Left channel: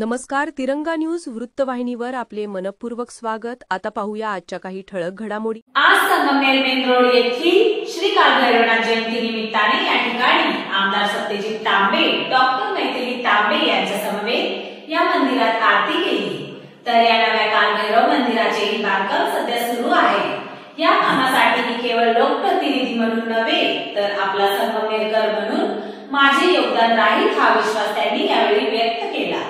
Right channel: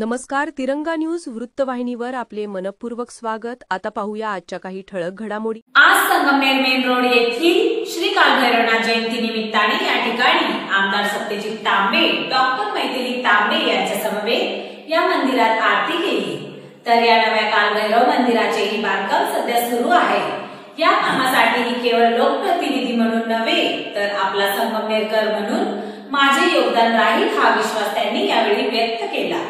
नमस्कार. तिरंगा न्यूज वृत्तवाहिनीवर आपले मनपूर्वक स्वागत. आता पाहूया आजच्या काही ठळक घडामोडी. आज संगमनेर मेन रोड येथील श्री कालभैरवनाथ जयंती निमित्ताने या ठिकाणी आमदार सत्यजित तांबे, डॉक्टर मैथिली तांबे यांच्या समवेत या मंदिरात आरती केली. तर या नव्या कालभैरव मंदिराचेही बांधकाम सध्या सुरू आहे. या कामासाठी केवळ लोकप्रतिनिधी म्हणून नव्हे तर आपला संगमनेरकर म्हणून माझे योगदान राहील हा विश्वास त्यांनी यावेळी व्यक्त केला.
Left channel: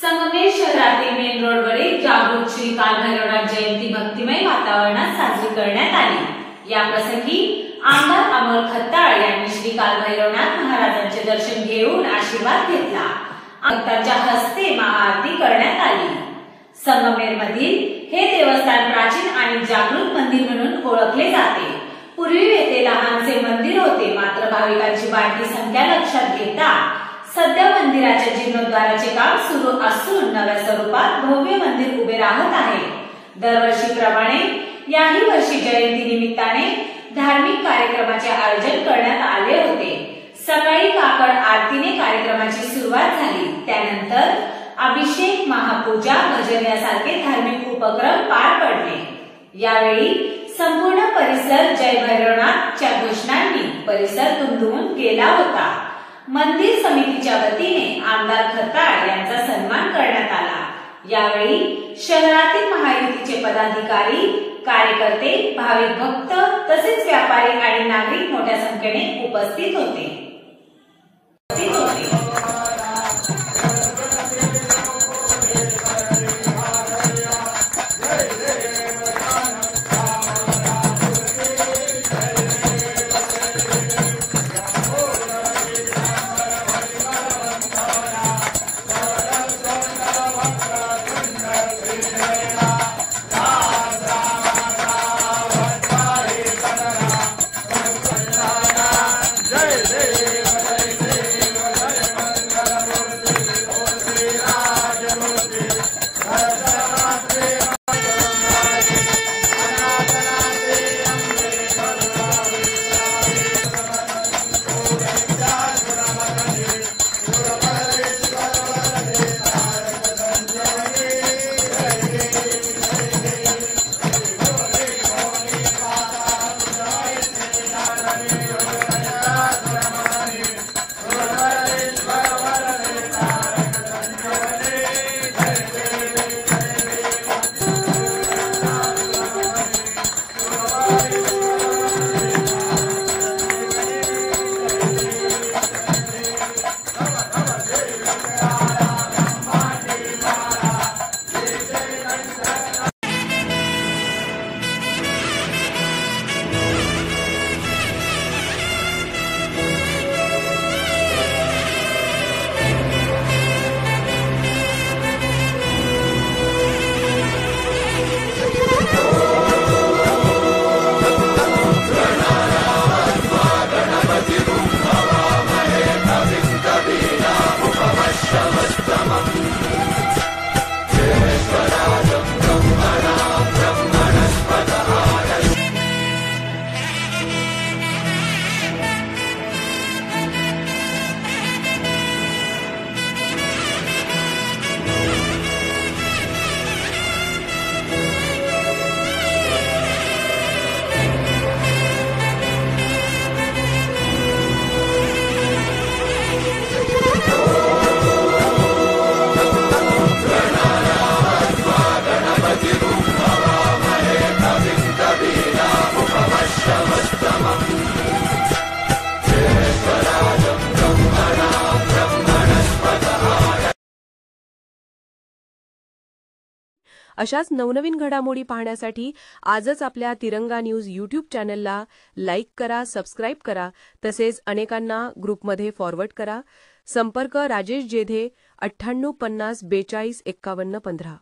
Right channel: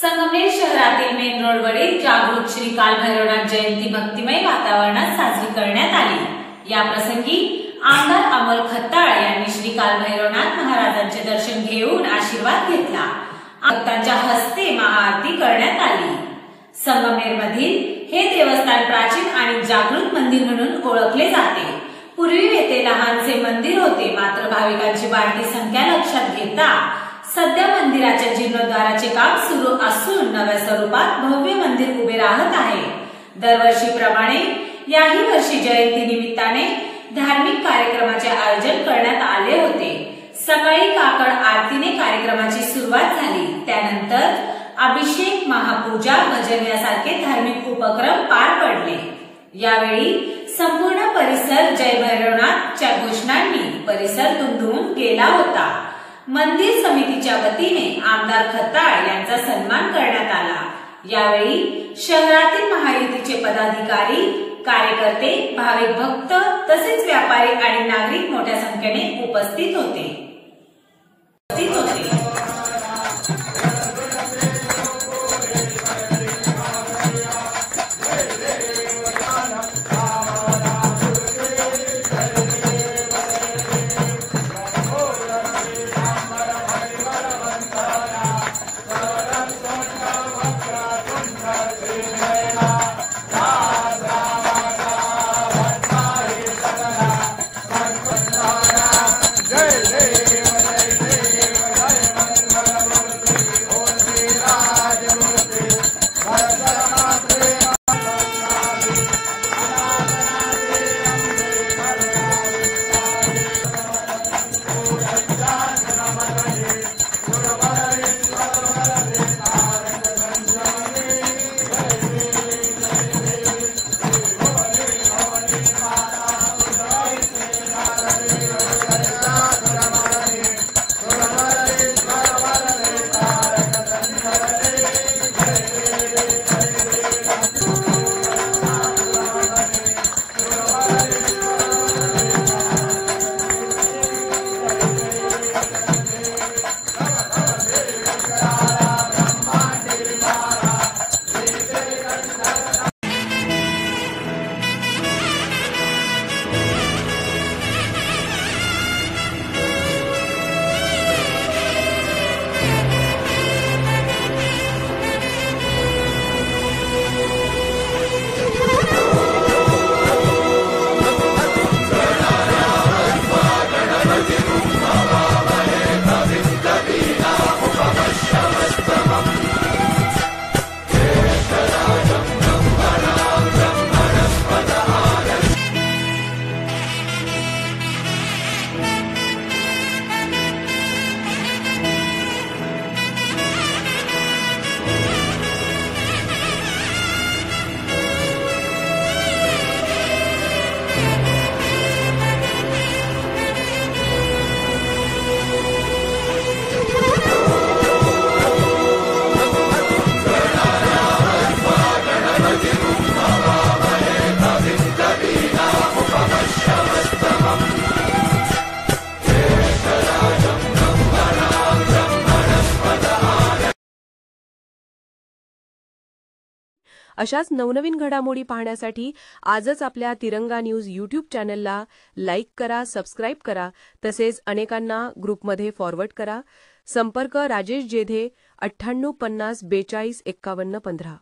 संगमनेर शहरातील मेन रोडवरील जागृत श्री कालभैरवनाथ जयंती भक्तिमय वातावरणात साजरी करण्यात आली. या प्रसंगी आमदार अमोल खत्ताळ यांनी श्री कालभैरवनाथ महाराजांचे दर्शन घेऊन आशीर्वाद घेतला. भक्तांच्या हस्ते महाआरती करण्यात आली. संगमनेर मधील हे देवस्थान प्राचीन आणि जागृत मंदिर म्हणून ओळखले जाते. पूर्वी येथे लहानसे मंदिर होते, मात्र भाविकांची वाढती संख्या लक्षात घेता सध्या मंदिराच्या जीर्णोद्धाराचे काम सुरू असून नव्या स्वरूपात भव्य मंदिर उभे राहत आहे. दरवर्षीप्रमाणे याही वर्षी जयंती निमित्ताने धार्मिक कार्यक्रमाचे आयोजन करण्यात आले होते. सकाळी काकड आरतीने कार्यक्रमाची सुरुवात झाली. त्यानंतर अभिषेक, महापूजा, भजन यासारखे धार्मिक उपक्रम पार पडले. यावेळी संपूर्ण परिसर जय भैरवनाथच्या घोषणांनी परिसर दुमदुमून गेला होता. मंदिर समितीच्या वतीने आमदार खत्ताळ यांचा सन्मान करण्यात आला. यावेळी शहरातील महायुतीचे पदाधिकारी, कार्यकर्ते, भाविक भक्त तसेच व्यापारी आणि नागरिक मोठ्या संख्येने उपस्थित होते. अशाच नवनवीन घडामोडी पाहण्यासाठी आजच आपल्या तिरंगा न्यूज यूट्यूब चॅनलला लाईक करा, सबस्क्राईब करा, तसेच अनेकांना ग्रुपमध्ये फॉरवर्ड करा. संपर्क राजेश जेधे 98 50 42 51 15.